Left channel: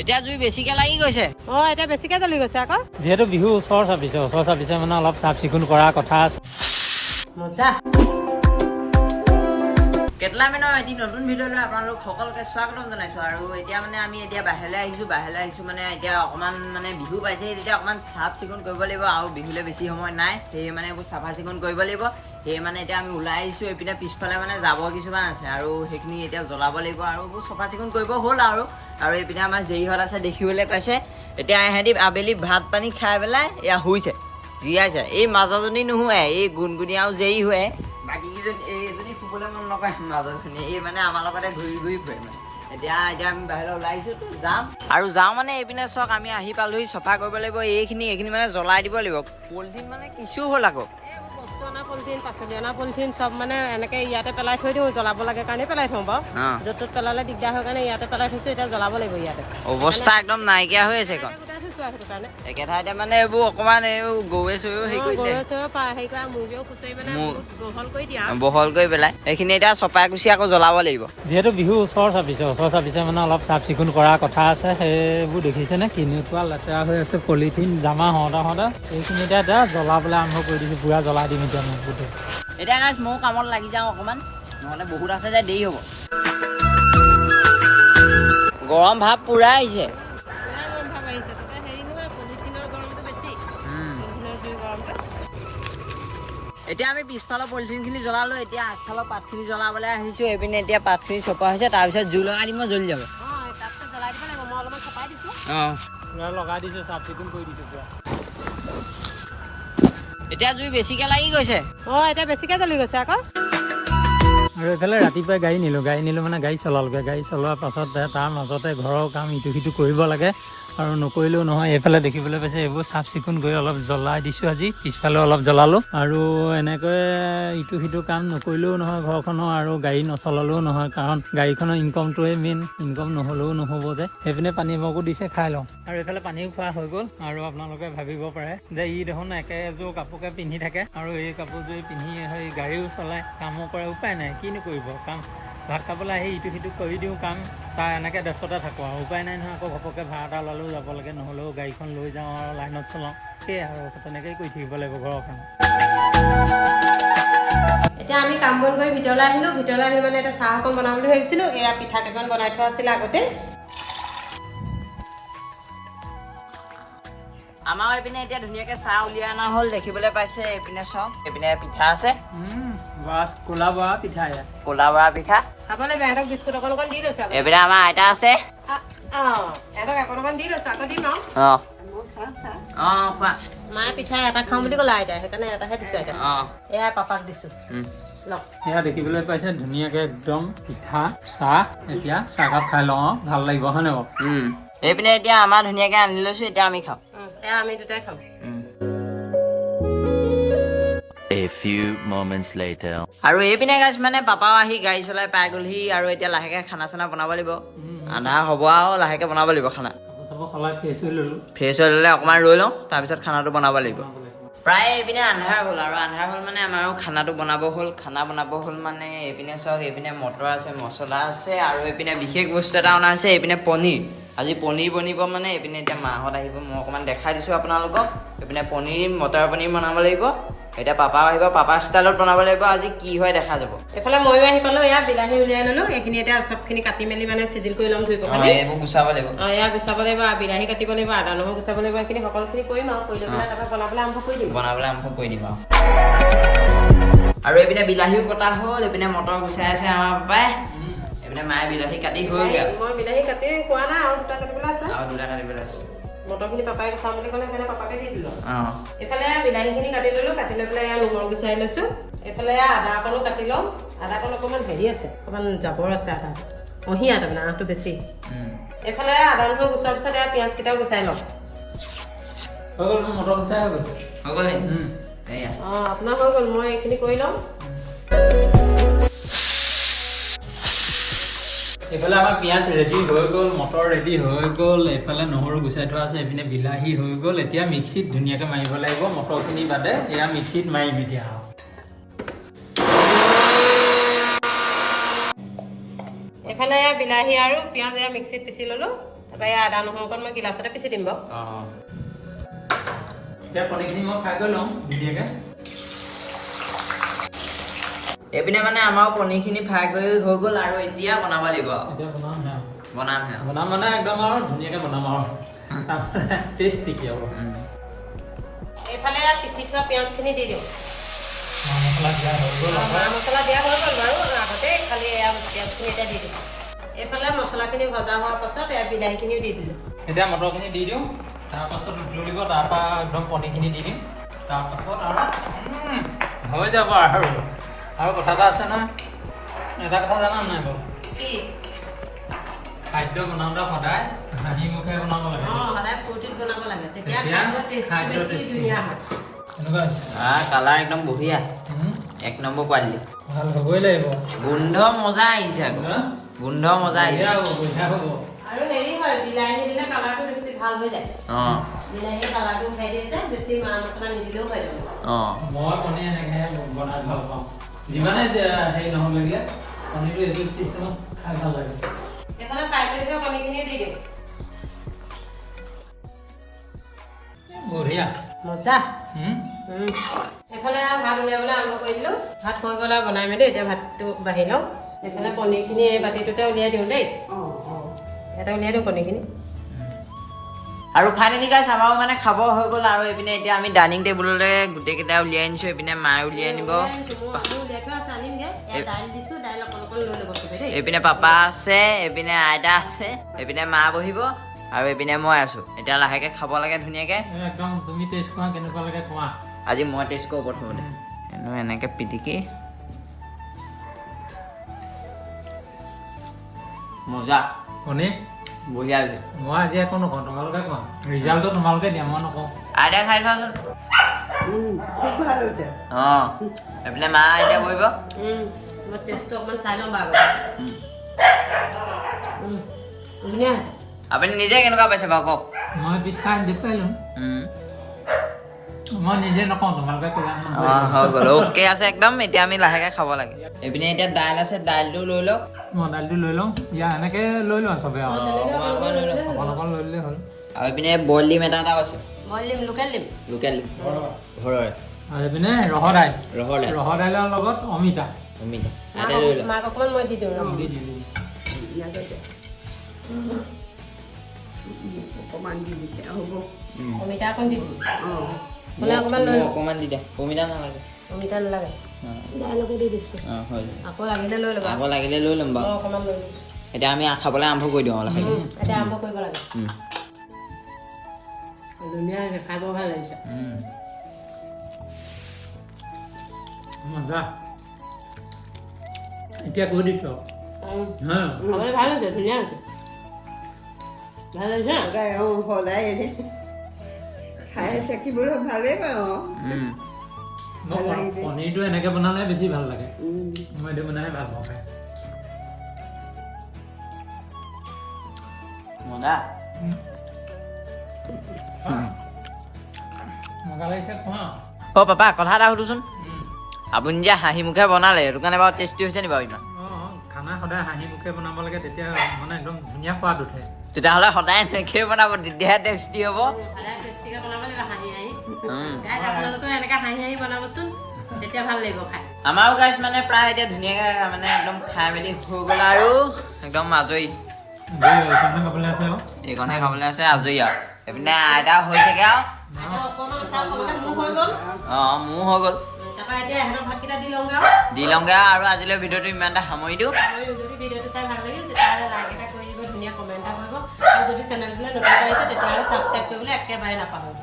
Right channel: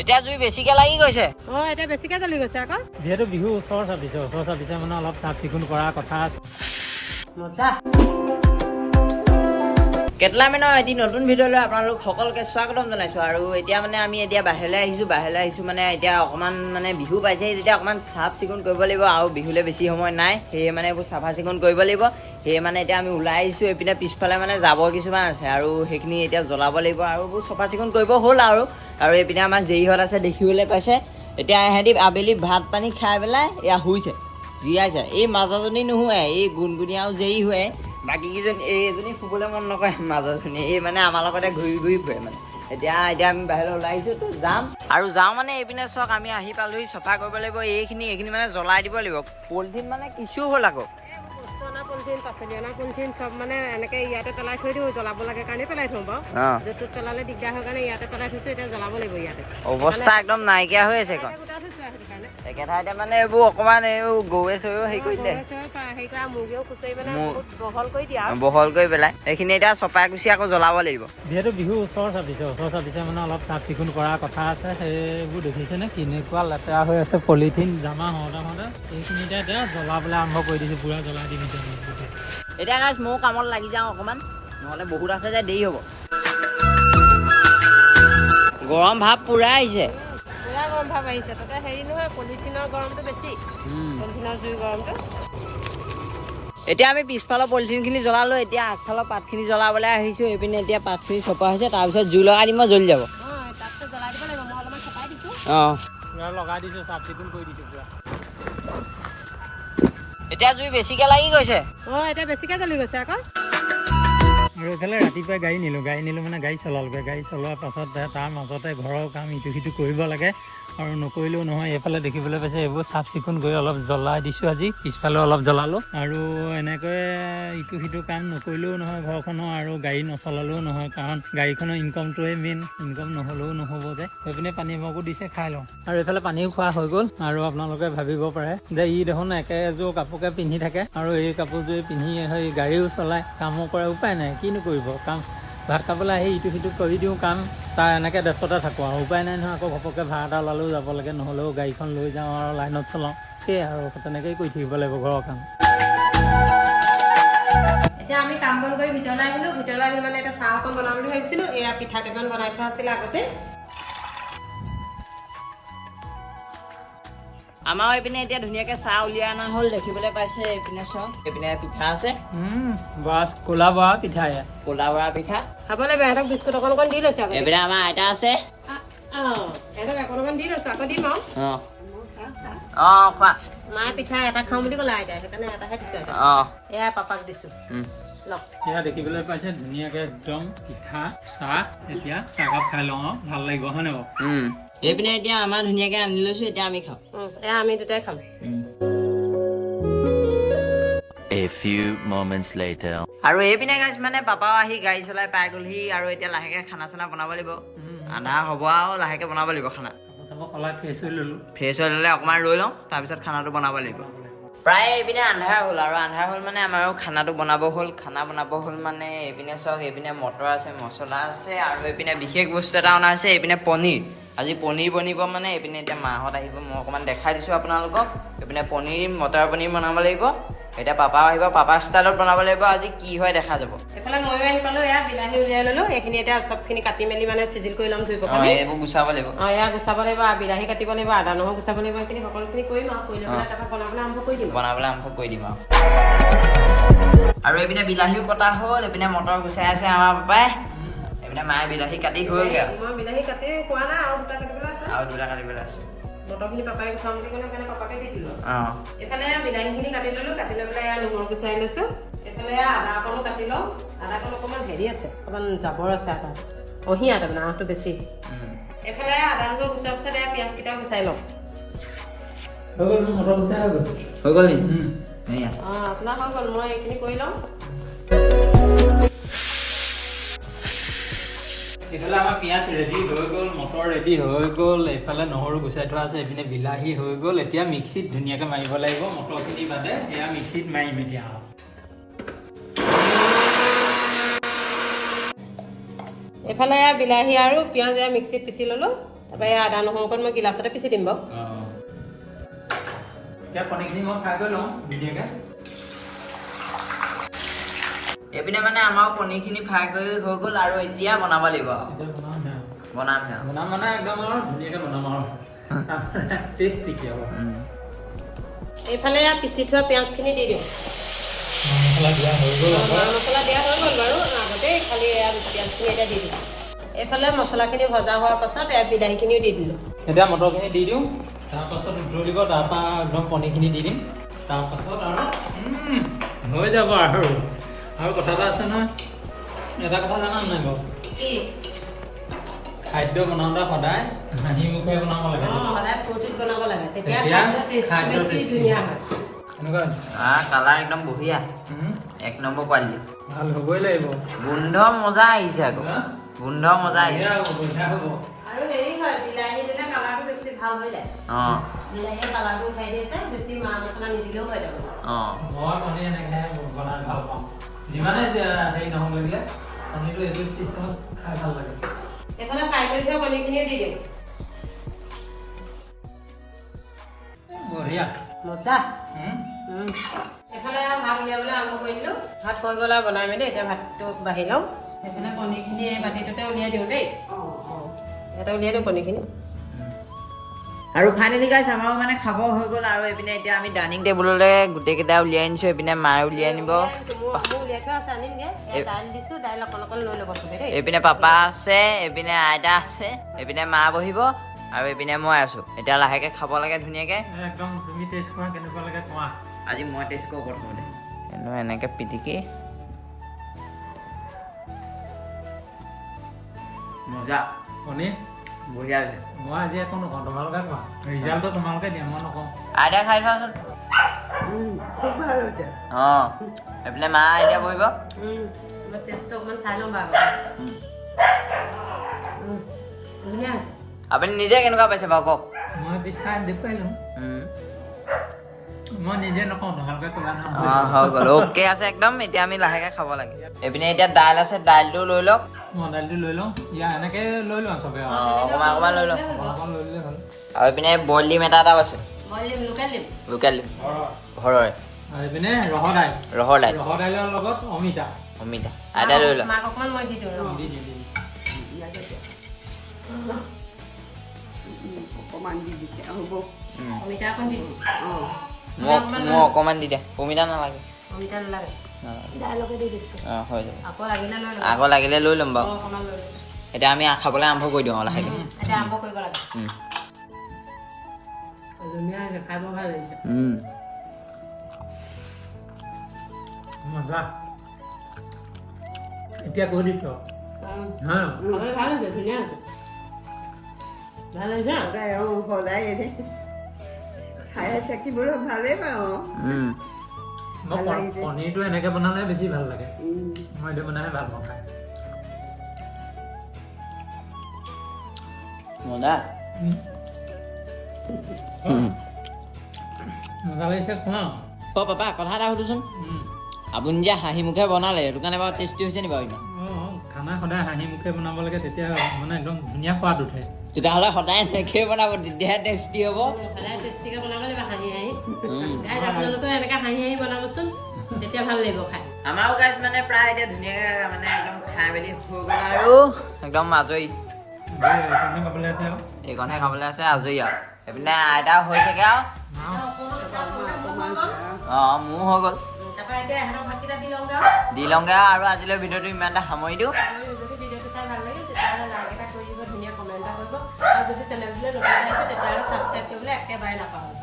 এতিয়া জুই বেছিকে লাগি গৈছে। এতিয়া বেছিকে জ্বলি গৈছে আকৌ। যিহেতু বিহু ওচৰ চাপিছে মানে অলপ চাফ চিকুণ কৰাৰ কথা আছে। মজা। কেটলামেনৰ এটি নতুন ভিডিঅ'লৈ আপোনালোক সকলোকে স্বাগতম জনাইছোঁ। আৰু এতিয়া মানে আমি বাহিৰলৈ আহিছোঁ মানে এতিয়া অকণমান মানে বিহু পাইছেহি, তেতিয়া অকণমান চাফ চিকুণ কৰিব লাগিব আৰু বিহুলৈ বেছি সময় নাই, সেয়ে মানে এইবোৰ চাফা চিকুণ কৰিব লাগিব। সেয়ে মানে এতিয়া আমি ওলাই আহিছোঁ, এইপিনে পিছফালে মানে জাবৰ কিছুমান আছে আৰু সেইখিনি এতিয়া জ্বলাব লাগিব আৰু এইবোৰ চাফা চিকুণ কৰিব হ'ল আৰু এইপিনে আমাৰ জেইহঁত আছে দেখিবলৈ পাইছে। এতিয়া সিহঁতি আবেলি ভাত পানী খাই পেলাই এয়া শুইছে, জীয়াইছে। এই মাজৰজনী নুশুৱে, এই গুণগুণী আৰু জেই শুৱে, বাকী কেইজনী এইজনী শুবলৈ মন নকৰে। মাজৰজনী এই মানে আমাৰ লগতে ঘূৰি ফুৰে মানে। এতিয়া আমি বাহিৰলৈ ওলাই আহিছোঁ, তো যাওঁ মানে এইপিনে চাওক আমি আহি পালোহি, চফা কৰিব লাগিব এইখিনি মানে জ্বলাই দিব লাগিব। পলিথিন মানে কিছু হ'ল আকৌ, বস্তু অনা পলিথিন, পাচলি অনা পলিথিন চব মানে এনেকৈ ইয়াতে পেলাই থৈ দিওঁ, জ্বলাব লাগে কাৰণে পেলাই থওঁ বাৰু। য'ত ত'ত পেলালে দিগদাৰ হয় কাৰণে ইয়াতে পেলাই থৈছোঁ, এতিয়া জ্বলাব লাগিব ইয়াতে। অৱস্থা একদম নাইকিয়া হৈ আছে এখন একে ঠাইতে মানে এইবোৰ অকণমান এই গৰুৱে চৰুৱেও হেৰি কৰি দিলে, বহল কৰি পেলাই এইখিনি এতিয়া চপাই কুচি আকৌ জ্বলাব লাগিব। যিহেতু বিহু ওচৰ চাপিছে মানে অলপ চাফ চিকুণ কৰাৰ কথা আছে। সেইবোৰ দেখিছেনে কেনেকুৱা লেতেৰা হৈ আছে, পলিথিন জামা হওঁতে এইখিনিতে এতিয়া জ্বলাবলৈ আৰম্ভ কৰি দিছোঁ। পুৰা জ্বলাই দিম এতিয়া মোক গোটেই। এতিয়া গাইছ ময়ো কামত লাগি যাওঁ অকণমান, নহ'লে বহুত আছে যে দেৰি হ'ব। গৰম ভাৱ পুৰা আহিছে, পুৰা গৰম ভাৱ আহিছে। তাতে হেৰি নহয়, পলিথিনৰ গৰমটো বেছি, পলিথিনৰ জুই গৰমটো। এতিয়া আমি পিছফালৰ পলিথিনখিনি জ্বলালোঁ, এতিয়া আগফালৰ পাতখিনি জ্বলাবলৈ আহিছোঁ। এইপিনে এতিয়া পাতখিনি চপোৱা হৈছে, তাৰপিছত জুই লগাই দিম, জ্বলি যাব। তাৰপিছত জ্বলাই দিব লাগিব, মই অলপমান চপাই দিছোঁ। পুৰা লগাই দিছোঁ, চাফ চিকুণ কৰি দিছোঁ পুৰা। এতিয়া জুই বেছিকে লাগি গৈছে। এতিয়া বেছিকে জ্বলি গৈছে আকৌ। আৰু এইফালে ৰাতিপুৱাই গাড়ী নিলোঁ মানে গাড়ী চলালোগৈ। গাড়ী চলোৱাৰ পাছত তাৰ মাজতে ঘৰৰ কাম ইটো সিটো কৰিব লাগে আৰু নকৰিলেও নহয়। এইফালে দেখিবলৈ পাইছে এইবোৰ চাফ চিকুণ কৰি অলপ জ্বলাই দিছোঁ আজি, পিছফালেও অলপ জ্বলালোঁ। আৰু এনেকৈ ইটো সিটো কাম নকৰিলেও নহয় ঘৰখনৰ, আৰু গাড়ী নচলালেও নহয়, কাৰণ গাড়ীখনৰ ইনকমটোৱে মেইন, ইনকম নহ'লেও নহ'ব যে। সেইপিনে পানী মগো দিছে, খাই লওঁ। আৰু এইফালে পানীও খোৱা হৈ গ'ল। আৰু আপোনালোকে ভাবিব পাৰে যে ই দেখোন একেযোৰ কাপোৰকে পিন্ধি থাকে আৰু এই কাপোৰযোৰ পিন্ধি সেই গাড়ীও চলায়, কামো কৰে, উপায় নাই, কিনো কৰিব। কাম ভাত খাবলৈ আহি ইটো সিটো কৰি দিওঁ কাম, তাৰ এনেকৈ ব্যস্ততা থাকোঁ আৰু উপায় নাই নহয়। আকৌ ঘপককৈ ভাড়া এটা ওলালেও যাব লাগে, নহ'লেও গাড়ীখন লৈ যাওঁ আৰু লাইনত চলাওঁ। সেয়াই আৰু তেনেকৈয়ে কৰি থাকিব লাগিব ঘৰৰ কাম। এতিয়া আমি কাম বন কৰি ভিতৰলৈ আহিলোঁ মানে এতিয়া চাহ অকণ বনাম বুলি ভাবিছিলোঁ। এয়া পিঠা কেইটামান বনাই থোৱা আছিলে আগতে। আমাৰ এইপিনে এতিয়া ধুনীয়াকৈ চাহ উলিয়াই অনা হ'ল, দেখিবলৈ পাইছে। এইপিনে চাওক, এইপিনে পিঠা আছে, ক'লা বৰা পিঠা, ক'লা বৰা পিঠা খাব লাগে। এহঁতক বিস্কুট অকণ দি লৈছোঁ। এইপিনে আমাৰ আইতা আছে, এহঁতক অকণ দি লৈছোঁ, আকৌ দিম আৰু। খোৱা। মায়ে পিঠা এটা খাওঁ বুলি ক'লে আইতাই, সেইকাৰণে এটাহে দিছোঁ আইতা। এয়া পাপাক দিছোঁ। এয়া দেখিবলৈ পাইছে ধুনীয়াকৈ একদম পিঠা চাহ। এতিয়া চাহকাপ খাই লওঁ, ভাল লাগিব হয়নে বাৰু? এইপিনে এতিয়া আমাৰ ধুনীয়াকৈ আনি লৈছোঁ, এতিয়া আমি খাওঁ। এয়া আমি দুটাই খাম। A few moments later. আৰু এইপিনে গাইছ মানে পাপাও আহি গাড়ী চলাই পাই গ'লহি, আৰু এতিয়া লাহেকৈ খানা চানা বনাব লাগিব। আন্ধাৰ হ'ব আৰু লাহেকৈ বনাব লাগিব খানা। সলাই ফ্ৰেছ হৈ ল'লোঁ। ফ্ৰেছ হৈ ল'লে অকণমান ৰৈ লওঁ, তাৰপিছত খানাটো বনাব লাগিব। প্ৰায় এইপিনে আন্ধাৰ হ'ল, আৰু আন্ধাৰ হ'ল মানে আমাৰো খানাটো বনাব হ'ল। খানা বনাব হ'ল মানে এইপিনে চাওক, এইপিনে মটৰ আছে, মছলা আছে, আৰু এইপিনে বিশেষ বস্তু এটা অনা আছে, এইপিনে পনীৰ। আজি পনীৰ বনিব মানে। এইপিনে এতিয়া মাহঁত আহিব, মই অকণমান দেখাই দিছোঁ আপোনালোকক। এইপিনে পনীৰ, মটৰ পনীৰ বনাব লাগিব। এতিয়া পাপাও আহিব, পাপা ষ্টাইলত বনাব লাগিব। আজি কি হয় দেখা যাব। এইফালে ময়ো আহি পালোঁ, এয়া বিলাহী উলিয়াই ল'লোঁ। এইখিনি এতিয়া চবখিনি কাটি মেলি মানে চিজিল কৰি ল'ম, ধুই পেলাই। এইবোৰ গুচাব লাগিব। এয়া গুচাব লাগিব, বিলাহী কাটিব লাগিব, আদা নহৰু গুচাব লাগিব। এইখিনি সকলোখিনি কৰিম আৰু কৰি লৈ পেলাই তাৰপৰা বনাবলৈ আৰম্ভ কৰি দিম আৰু এইপিনে বিলাহীও কটা হ'ল, এইপিনে মটৰ গুচাই আছে আমাৰ পাপাই। এইপিনে মায়ে বিলাহী কাটি হ'লগৈ। মই বিলাহী কাটি খোৱা নাই, আৰু দুটা কাটিবলৈ আছে। আছে। মটৰখিনি পাপাই গুচাম বুলি ক'লে, সেইকাৰণে পাপাকে দি দিলোঁ। এইফালে বিলাহীখিনি কাটি ল'লোঁ, কাটি লৈ পেলাই এয়া নহৰু গুচাই লৈছোঁ। এইফালে আদা অকণো কাটি লওঁ। আদাকণ অকণমান হেৰি আছে, অকণমান জাবৰ আছে আদা, অঁহিয়া তাৰমানে আহটো বেছি। এইফালে আদা নহৰু গুচোৱাৰ পিছত এয়া পিঁয়াজকেইটাও গুচাই লওঁ। হৈ গ'ল নি? আপোনাৰ হৈ গ'ল, মই এইখিনি কৰি লওঁ। এইফালে আমাৰ পিঁয়াজ ৰেডি হৈ গ'ল, মটৰ ৰেডি হৈ গ'ল, এইফালে নহৰু গুচাই থোৱা আছে, এইপিনে বিলাহী হৈ গ'ল। এতিয়া মিক্সিত ধুনীয়াকৈ মাৰিব লাগিব, মটৰখিনি বাদে এয়া মিক্সিত মাৰিম এতিয়া। এইফালে এয়া বিলাহী আৰু পিঁয়াজ এয়া মিক্সিত পিচি ল'লোঁ। তাৰপৰা এই আদা নহৰুকণ মই গিলাচতে পিচি দিম বাৰু এতিয়া পনীৰখিনি মই ফ্ৰাই কৰি লওঁ ধুনীয়াকৈ এইপিনে মানে আমাৰ পনীৰখিনি ফ্ৰাই কৰি হৈ গ'ল আৰু এতিয়া বনাব লাগিব এতিয়া বনাম মানে একদম আৰু ধুনীয়াকৈ বনাম আৰু তাৰপৰা টেষ্টি কি হ'ব এইফালে পিচি থোৱা পিঁয়াজখিনি দি দিওঁ মছলা দিয়া হৈ গ'ল মা মছলা দিয়া হৈ গ'ল বাৰু আগতে খালি পিঁয়াজখিনি এতিয়া দি দিওঁ এইফালে মছলাখিনি ভজা হোৱাৰ পাছত বিলাহীখিনিও দি দিলোঁ এতিয়া মটৰখিনি দি দিওঁ তাৰপাছত উতলিব তাৰপৰা একদম পনীৰখিনি দি দিম তাৰপাছত আৰু হৈ যাব আৰু কথা এটা আছে নহয় এটা কথা জানা নাই বাৰু কি খাদ্য বনাওঁতে সদায় হাঁহি মুখে বনাব লাগে সদায় ফূৰ্তিত বনাব লাগে তেতিয়া খাদ্য বেছি ধুনীয়া হয় কালাৰ একদম বঢ়িয়া 1 নম্বৰ কোৱালিটি ভাল হ'বই লাগিব গোন্ধ মজা আহিছে আকৌ গোন্ধ মজা আহিছে আৰু হেৰি হয় বিলাহী দিলে কালাৰটো বেছি ভাল হৈ যায় বিলাহীয়ে কালাৰটো উঠাই দিয়ে যে বেছি মা মছলা নিদিলেও হৈ যাব মই পনীৰ এনেকৈ বনাই ভাল পাওঁ যিমানে হেৰি নহ'ব লাগিলে পনীৰটো এইটো চিষ্টেমত খাই ভাল লাগে এইফালে ফ্ৰাই কৰি থোৱা পনীৰখিনিও দি দিম বঢ়িয়া মজা এইফালে ভাত উলিয়াবলৈ আৰম্ভ কৰি দিলোঁ ভাত হৈ গ'লে বনাই মেলি এতিয়া ভাতটো বাঢ়ি লওঁ এইফালে পনীৰখিনি এই বাতিটোতে উলিয়াই দিওঁ দেই ইয়াতে উলিয়াই দিওঁ পনীৰখিনি আৰু ফাইনেলি গাইছ আমাৰো মানে খাব হৈ গ'ল আৰু এইপিনে এতিয়া আমি ডাইনিং টেবুললৈ গোটেইকেইটা উলিয়াই আনিছোঁ এইপিনে মায়ে উলিয়াই নিব এইপিনে পাপা আছে এইপিনে আইতা আছে এইপিনে মা বহিব আৰু এইপিনে মই আছোঁ এতিয়া লাহেকৈ খাব লাগে ধুনীয়াকৈ একদম তুমি টেষ্ট কৰা কেনেকুৱা লাগে কোৱা আজি মই টেষ্ট কৰোঁ প্ৰথমতে এনেকৈ পিটিকি মজা পনীৰ বঢ়িয়া হৈছে মই আজি একো নকওঁ তোমালোকে কোৱা ৰিজাল্টটো তোমালোকে দিয়া মই নকওঁ আইতা খাই থোৱাচোন খুব ভাল হৈছে এইপিনে মা এতিয়া বহিব মই টেষ্টটো অকণমান চাই ল'ম বাৰু ধুনীয়া আপুনি নিজে কেনেকুৱা পাইছে বাৰু কওক মই পিছ খাই দেখুৱাইছোঁ মই নিজে নকওঁ তোমালোকে ক'লা হৈ গ'ল অ'কে আছে একদম এতিয়া আমি লাহেকৈ খাব লাগে এইপিনে এতিয়া দাইল আছে দাইলটো লৈ লওক মই দাইলটো লৈ লওঁ ইয়াৰ এনেকৈ লৈ লওঁ চবে অকণমান অকণমান লৈ লওক অকণ লৈ ল'লে হ'ল আৰু এইপিনে বইল ডিম এটাও আছে মই দিম লোকেল দিম লোকেল ডিম ঘৰৰে আৰু এইপিনে ৰহৰ দাইল ৰহৰ দাইল ৰহৰ দাইলৰ লগত অমিতা অমিতা আইতা লৈ লওক মাক অকণমান মই দি দিওঁ অমিতা অকণ দি দিম মোক অকণমান দি দে অমিতা নালাগে অমিতা নালাগে দাইলকে দি দিছোঁ হৈ যাব আকৌ লাগিলে লৈ ল'ম আকৌ লাগিলে লৈ ল'ম বাৰু অকণমান লৈ লৈছোঁ এতিয়া আমি খাবলৈ আৰম্ভ কৰি দিওঁ লাহেকৈ এতিয়া আৰম্ভ কৰিব লাগে ধুনীয়া হৈছে খাই বৰ ভাল লাগিছে মজা এতিয়া কৈ দিছ খাবলৈ ভাল হৈছে ধুনীয়া হৈছে ভাল হৈছে সদায় খাই থাকিবলৈ ভালেই পাওঁ পনীৰটো এনেকৈ বনালে বেছি ভাল লাগে মই এইটো বনাই ভাল পাওঁ খাই মজা মজা লাগিছে খোৱা পাপা কথা এটা সুধোচোন আপুনি যে হাঁহি মুখে বনালে সেইটো কাৰণে বাৰু টেষ্টি হৈছে নি বাৰু ইমান খানা সদায় হাঁহি মুখে বনাব লাগে তেতিয়া মানে একদম ধুনীয়া সোৱাদ উঠে তেতিয়াহ'লে সদায় এনেকৈ বনাব তেতিয়াহে টেষ্টি হ'ব সদায় টেষ্টিকৈ বনাব লাগিব হাঁহি হাঁহি গাইজ আপোনালোকেও এনেকৈ হাঁহি হাঁহি বনাবচোন তেতিয়া ভাল লাগিব খাই আমাৰো গাইছ মানে প্ৰায় এতিয়া ধুনীয়াকৈ মানে একদম খাই মেলি হৈ গ'ল আৰু একদম আজৰি খাবলৈ আছে আৰু এইকণহে খাবলৈ আছে আজৰি আৰু এইপিনে আইতা হৈছেগৈ আৰু মোৰ হৈ গ'ল তাৰপৰা এতিয়া এহেঁতক ভাতকেইটা দি লওঁগৈ আৰু আজিলৈ ভিডিঅ'টো ইমানটা সামৰি দিওঁ যদি ভিডিঅ'টো চাই ভাল লাগে তেতিয়াহ'লে লাইক এটা কৰি দিব ধুনীয়া কমেণ্ট এটা কৰিব আৰু যদি চেনেলটোলৈ নতুন আহিছে তেতিয়াহ'লে ছাবস্ক্ৰাইব কৰিবলৈ একেবাৰে নাপাহৰিব